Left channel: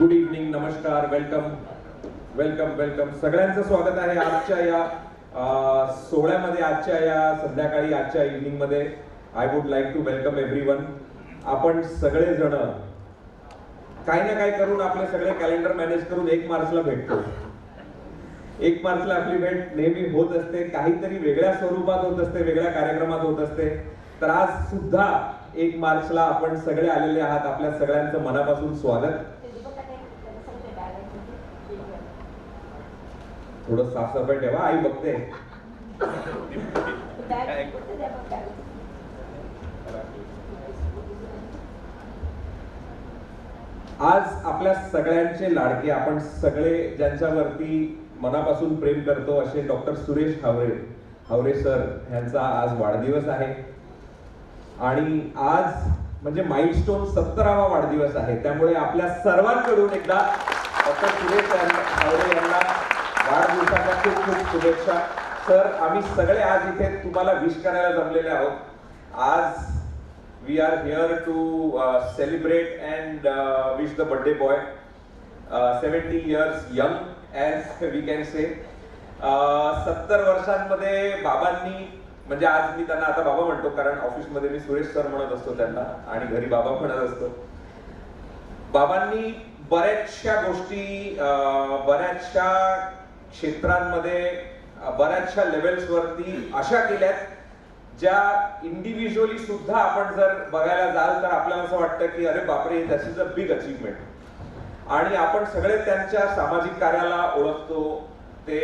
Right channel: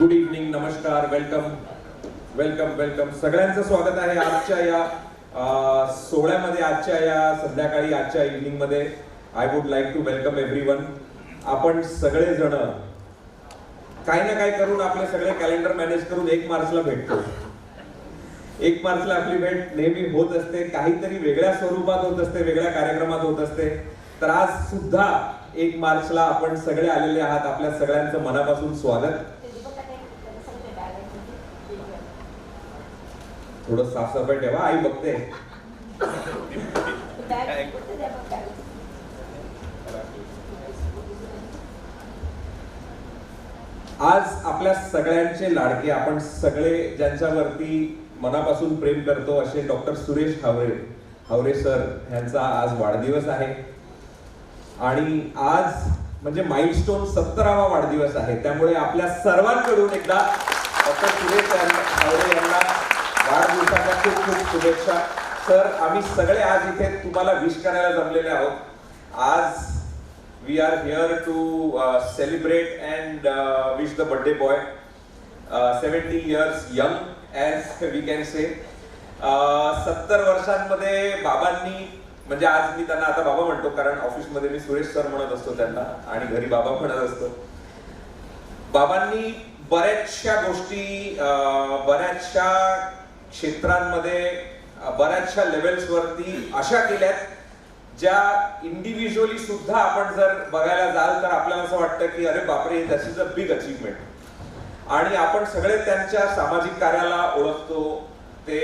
Good evening, नमस्कार, welcome welcome welcome. सगळ्यांचं स्वागत आहे आजच्या या सोहळ्यामध्ये, आजच्या या संध्याकाळी, आजच्या इव्हनिंग मध्ये. I would like to welcome everyone. आपण सगळे जण काही ना काही करून आपले सगळे कॅलेंडर मॅनेज करून 1 मार्चला भेटतो. 1 मार्चला आपली भेट नेहमी होत असते, काहीतरी वेगळ्या स्वरूपात होत असते, वेगळ्या कार्यक्रमात होत असते. तर आज सुद्धा 1 मार्चला आपण सगळे आलेले आहात. आपल्या सगळ्यांचं मनापासून स्वागत. थोडं साफसफाई ठेवा, आई बघते. आज आपल्या सगळ्यांचे लाडके, आपण सगळे ज्यांच्यावरती मनापासून प्रेम करतो असे डॉक्टर सुरेश हावरे सर यांचा आज वाढदिवस आहे. आणि आज म्हणजे माइलस्टोन 17वा वाढदिवस आहे. त्यामुळे आपल्या सर्वांकडून एकदा डॉक्टर सुरेश हावरे यांना वाढदिवसाच्या खूप खूप शुभेच्छा. सर, आम्ही सगळे आज इथे तुम्हाला विश करायला जमलेले आहोत. आज we are here to celebrate and wish the birthday boy, 70 years young as we can say. 70 वर्षांमध्ये बाबांनी, म्हणजे आज मी त्यांना आता बाबा म्हणतो कारण ऑफिसमध्ये मी सुरेश सर म्हणत असतो त्यांना आणि घरी बाबा म्हणत असतो. बाबांनी बऱ्याचशा गोष्टी, बऱ्याचशा क्षेत्रांमध्ये, बऱ्याचशा लेवल्स वरती अशा केल्यात ज्या इंडिव्हिज्युअली सुद्धा आपण जर बघायला जाल तर आपल्याला असं वाटतं की अरे बापरे, that is a big achievement. आणि आपण सगळे त्यांच्या सामाजिक कार्याला ओळखतो. ते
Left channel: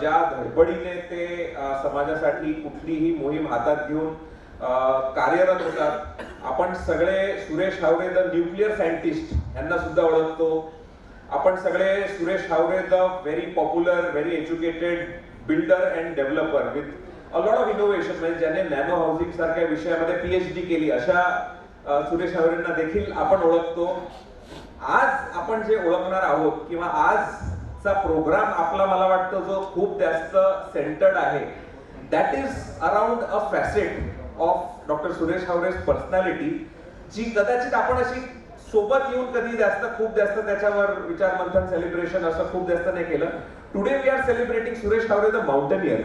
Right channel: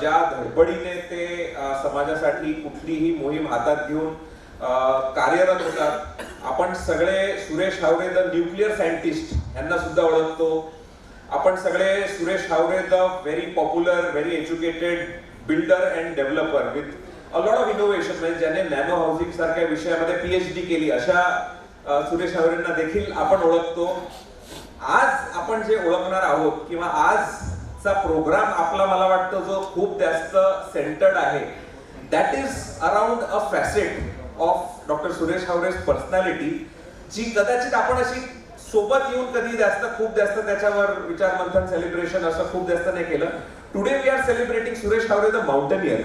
ज्या धडपडीने ते समाजासाठी कुठलीही मोहीम हातात घेऊन कार्यरत होतात. आपण सगळे Suresh Havre the nuclear scientist यांना सुद्धा ओळखतो. आपण सगळे Suresh Havre the very popular, very educated builder and developer with a lot of innovation, म्हणजे ज्याने नॅनो हाऊसिंग सारख्या विषयामध्ये PhD केली अशा सुरेश हावरेंना देखील आपण ओळखतो. आज आपण जे ओळखणार आहोत किंवा आजचा प्रोग्राम आपला, मला वाटतं जो खूप जास्त सेंटर्ड आहे, that is around a facet of doctor Suresh Haware's personality, जी कदाचित आपण अशी सोबत येऊन कधी खूप जास्त त्याच्यावर विचार मंथन, सेलिब्रेशन असं खूप जास्त नाही केलं. Today we are celebrating Suresh Havre the mountaineer.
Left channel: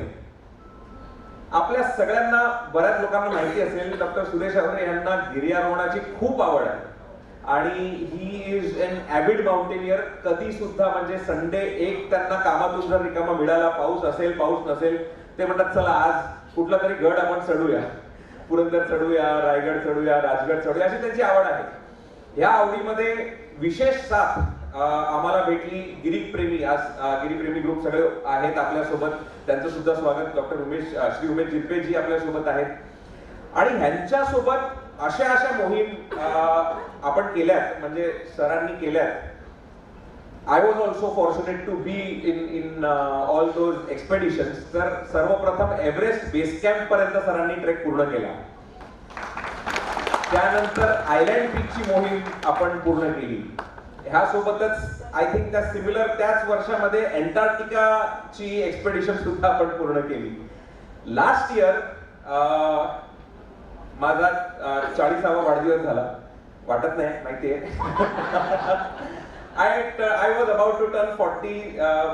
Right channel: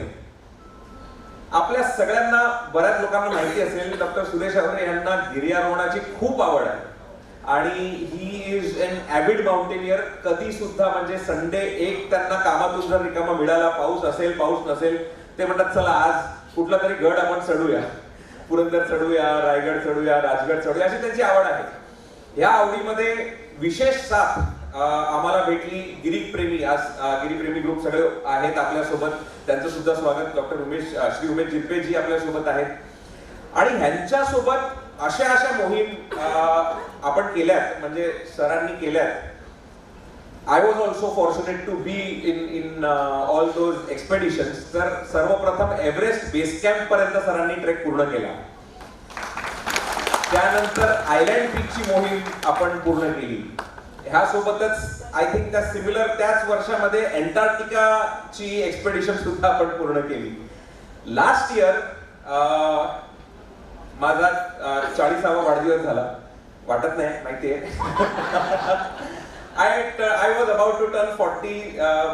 आपल्या सगळ्यांना, बऱ्याच लोकांना माहिती असेल, डॉक्टर सुरेश हावरे यांना गिर्यारोहणाची खूप आवड आहे आणि ही इज एन ॲव्हिड माउंटेनियर. कधी सुद्धा म्हणजे संडे एक त्यांना कामातून जर रिकामा मिळाला, पाऊस असेल पाऊस नसेल, ते म्हणतात चला आज कुठला तरी गड आपण चढूया, पुरंदर चढूया, रायगड चढूया, राजगड चढूया, अशी त्यांची आवड आहे. या आवडीमध्ये विशेष साथ आम्हाला भेटली गिरीप्रेमी. आज गिरीप्रेमी ग्रुप सगळे आहेत आपल्यासोबत. त्यांचं सुद्धा स्वागत. डॉक्टर श्री उमेश जिरपेजी आपल्यासोबत आहेत. आणि ह्यांच्यासोबत अशा मोहीम आपण केल्यात, म्हणजे सरांनी केल्यात. I was also fortunate to be in all those expeditions. तर सर्वप्रथम एव्हरेस्ट बेस कॅम्प पर्यंत सरांनी ट्रेक पूर्ण केला. त्यानंतर आयलँड पीकची मोहीम आपण पूर्ण केली. ह्यासोबतच आय थिंक त्या सिमिलर त्याच वर्षामध्ये अँटार्क्टिकाची एक्सपेडिशन सुद्धा आपण पूर्ण केली. लास्ट इयर माझा 40वा वाढदिवस झाला. वाटत नाही, माहितीये. I was about to turn 40,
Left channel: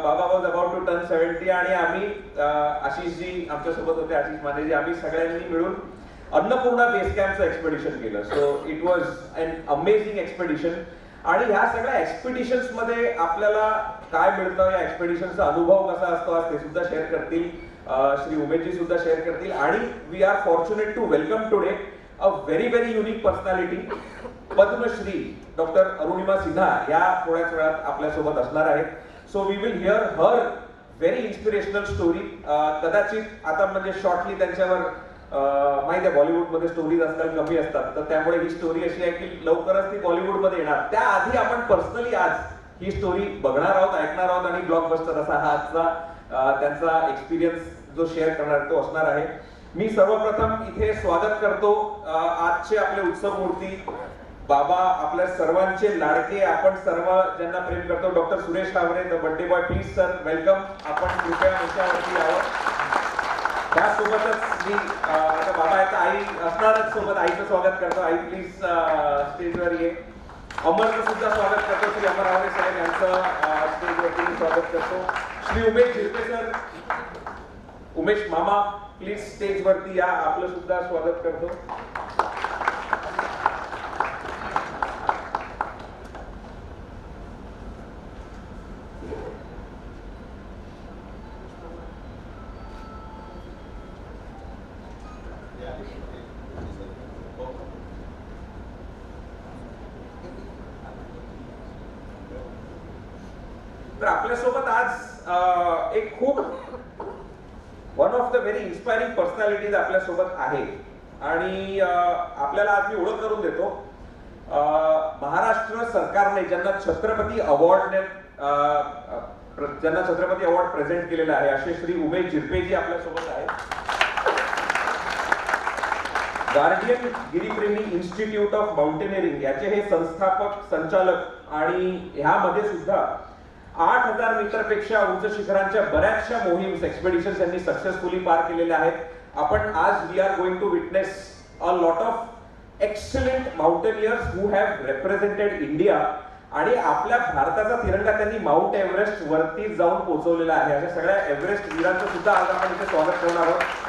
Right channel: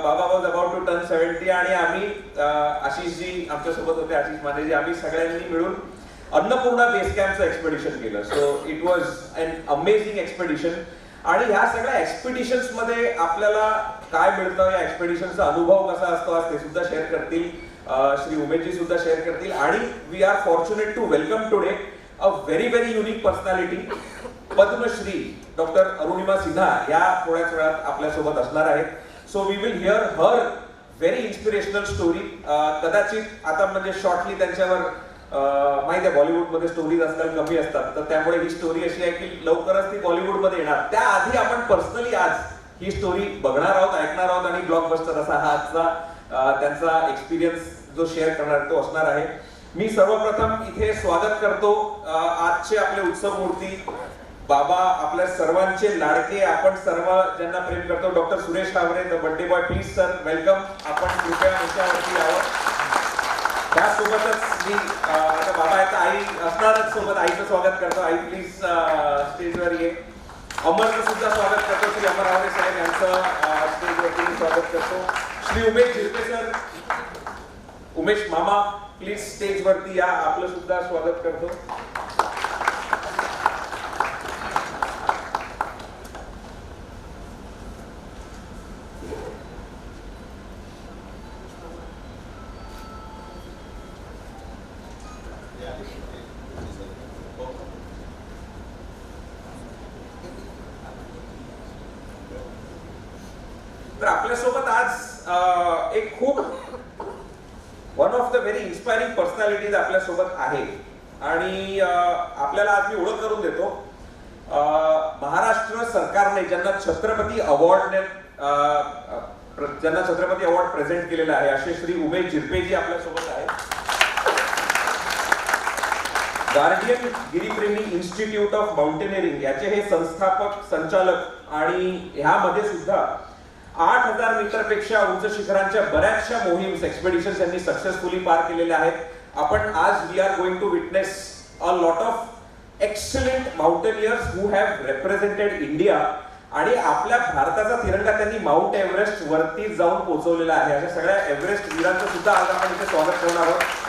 बाबा was about to turn 70 आणि आम्ही आशिषजी आमच्यासोबत होते, आशिष मानेजी, आम्ही सगळ्यांनी मिळून अन्नपूर्णा बेस कॅम्पचं एक्सपेडिशन केलं. So it was an amazing expedition. आणि ह्या सगळ्या एक्सपेडिशन्स मध्ये आपल्याला काय मिळतं, या एक्सपेडिशनचा अनुभव कसा असतो, आज ते सुद्धा शेअर करतील. श्री उमेशजी सुद्धा शेअर करतील. आणि we are fortunate to welcome today a very very unique personality. Padmashri doctor Arunima Sinha या थोड्याच वेळात आपल्यासोबत असणार आहेत. So we will hear her very inspirational story. कदाचित आता म्हणजे शॉर्टली त्यांच्यावर माहिती आहे बॉलिवूडमध्ये स्टोरीज आजकाल कमी असतात, तर त्यामुळे ही स्टोरी अशी आहे की लवकरच ती बॉलिवूडमध्ये येणार. त्याआधी आपण पर्सनली आज ही स्टोरी बघणार आहोत, ऐकणार आहोत आणि ब्लॉकबस्टर असा हा आजचा त्यांचा एक्सपिरियन्स जो शेअर करणार तो असणार आहे. मी सर्वप्रथम इथे स्वागत करतो आजचे आपले उत्सव मूर्ती, बाबा, आपल्या सर्वांचे लाडके, आपण सर्व ज्यांना प्रेम करतो, doctor Suresh Havre the birthday boy. Please sir, welcome. आपण कृपया मंचावरती यावं. त्यासोबतच मी आता बाबा आहेत, आई असणारच सोबत. आईचं स्वागत करतो. आई प्लीज स्टेजवर ये. अमरचं सुद्धा स्वागत करतो. श्री अमर हावरे साहेब यांचं स्टेजवरती स्वागत करतो. श्री उमेश झिरपे सर, उमेश मामा प्लीज स्टेजवरती या, आपलं सुद्धा स्वागत करतो. तर आपल्यासोबत आज एक खूप one of the very inspiring personalities आपल्यासोबत आहे आणि आपल्याला आज मी ओळख करून देतो. महाराष्ट्र सरकारने ज्यांना छत्रपती अवॉर्ड प्रेझेंट केलेला आहे असे श्री उमेश झिरपेजी आपल्यासोबत आहेत. Guardian Giripremi institute of mountaineering याचे हे संस्थापक संचालक आणि ह्यामध्ये सुद्धा 8,000 मीटर पेक्षा उंच शिखरांच्या बऱ्याचशा मोहिम्स एक्सपेडिशन्स यांनी सक्सेसफुली पार केलेल्या आहेत. आपण आज we are going to witness a lot of excellent mountaineers who have represented India आणि आपल्या भारताचा तिरंगा त्यांनी माउंट एव्हरेस्ट वरती जाऊन पोहोचवलेला आहे. अशा सगळ्या एव्हरेस्ट वीरांचं सुद्धा आज आपण इथे स्वागत करणार आहोत.